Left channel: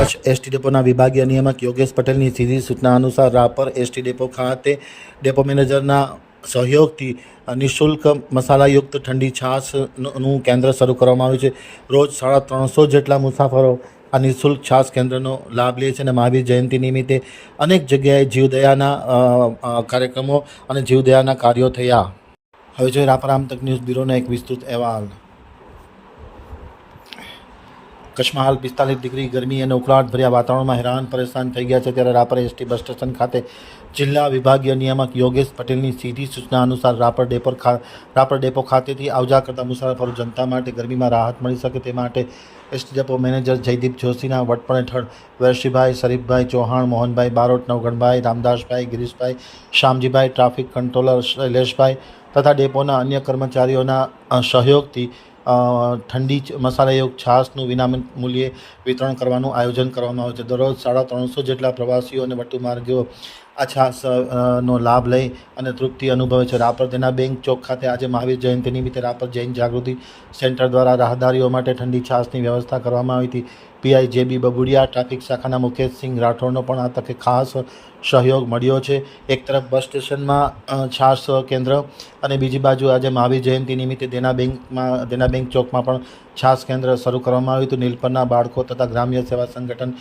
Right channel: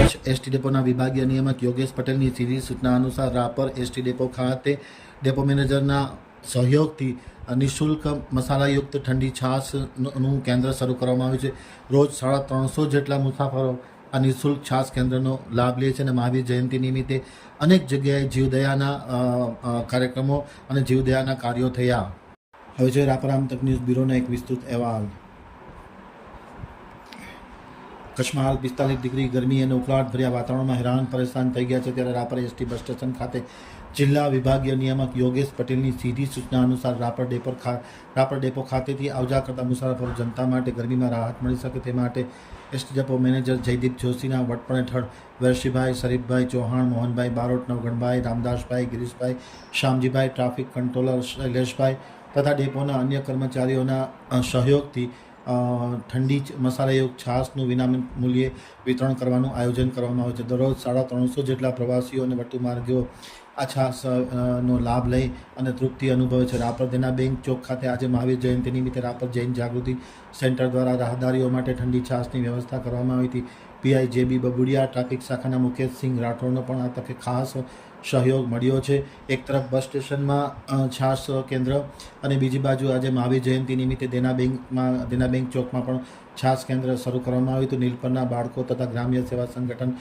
ST ડેપોના વિભાગીય નિયામક યોગેશ પટેલની સીધી સૂચના અનુસાર રાપર એસટી ડેપો ખાતે ડેપો મેનેજરના સહયોગથી નિઃશુલ્ક મસાલાયુક્ત ઠંડી છાશનું કેન્દ્ર શરૂ કરવામાં આવ્યું છે. રોજ સાડા ત્રણસો જેટલા મુસાફરો આ નિઃશુલ્ક છાશ કેન્દ્રનો લાભ લે છે અને મહાવીર જયંતિ નિમિત્તે અનેક જગ્યાએ જીવદયાના કાર્યક્રમો અને જીવદયાના કાર્યો થયા. હવે જોઈએ રાપર આમતક ન્યૂઝ બ્યુરોનો એક વિસ્તૃત અહેવાલ. કચ્છમાં હાલ પિસ્તાલીસ ડિગ્રી ગરમી અને ઉકળાટ ભર્યા વાતાવરણમાં હેરાન, પરેશાન થઈ ગયા છે ત્યારે રાપર એસટી બસ સ્ટેશન ખાતે જિલ્લા વિભાગીય નિયામક યોગેશ પટેલની સીધી સૂચના અનુસાર રાપર ડેપો રાપર ડેપો ખાતેથી આવજા કરતા મુસાફરો જનતા માટે ગરમીમાં રાહત મળી શકે તે માટે એસટી ડેપો મેનેજર જયદીપ જોશીના વડપણ હેઠળ વેરશીભાઈ શરીફભાઈ ચૌહાણ, મોહનભાઈ બારોટ, નવગણભાઈ, રામદાસભાઈ, ગિરીશભાઈ શ્યામજીભાઈ ટ્રાફિક કંટ્રોલર શૈલેષભાઈ તથા ડેપોના અન્ય કર્મચારીઓના સહયોગથી ઠંડી મસાલાયુક્ત છાશનું વિના મૂલ્યે વિતરણ કરવાનું આયોજન કરવામાં આવે છે. દરરોજ સાડા ત્રણસો જેટલા પ્રવાસીઓ અને વટુમાર્ગીઓ આ છાશ નો લાભ લઈ અને તૃપ્તિ અનુભવે છે. રાપર તેના બેંક ચોક ખાતે આજે મહાવીર જયંતિ નિમિત્તે રાપર જૈન જાગૃતિ સેન્ટર દ્વારા રાહદારીઓ માટે ઠંડી છાશની વ્યવસ્થા કરવામાં આવી હતી. પીઆઈ જેબી બબુડિયા, ટ્રાફિક શાખાના મુકેશસિંહ રાઠોડનો પણ આ તકે ખાસ સહયોગ મળ્યો છે. એક તરફ બસ સ્ટેશનમાં છાસ કેન્દ્ર અને બીજી બાજુ આજે મહાવીર જયંતિ નિમિત્તે દેના બેંકમાં, દેના બેંક ચોકમાં પણ છાશ કેન્દ્ર શરૂ કરવામાં આવ્યું હતું. નીલપરના બાળકો તથા ગ્રામ્ય સેવા સંગઠન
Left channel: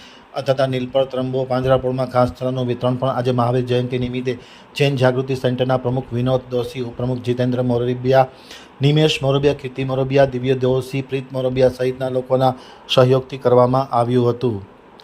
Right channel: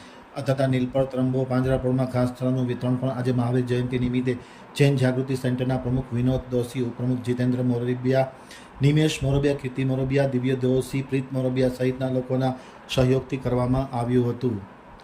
તથા નીલપર ત્રંબો પાંજરાપોળમાં ઘાસચારાનું વિતરણ પણ આજે મહાવીર જયંતિ નિમિત્તે જૈન જાગૃતિ સેન્ટરના પ્રમુખ વિનોદ દોશી, ઉપપ્રમુખ જીતેન્દ્ર મોરબિયા નિમેશ મોરબિયા કીર્તિ મોરબિયા દિવ્ય દેવસિંહ પ્રીત મોરબિયા સહિતના લોકોના સહયોગથી કરવામાં આવ્યું હતું.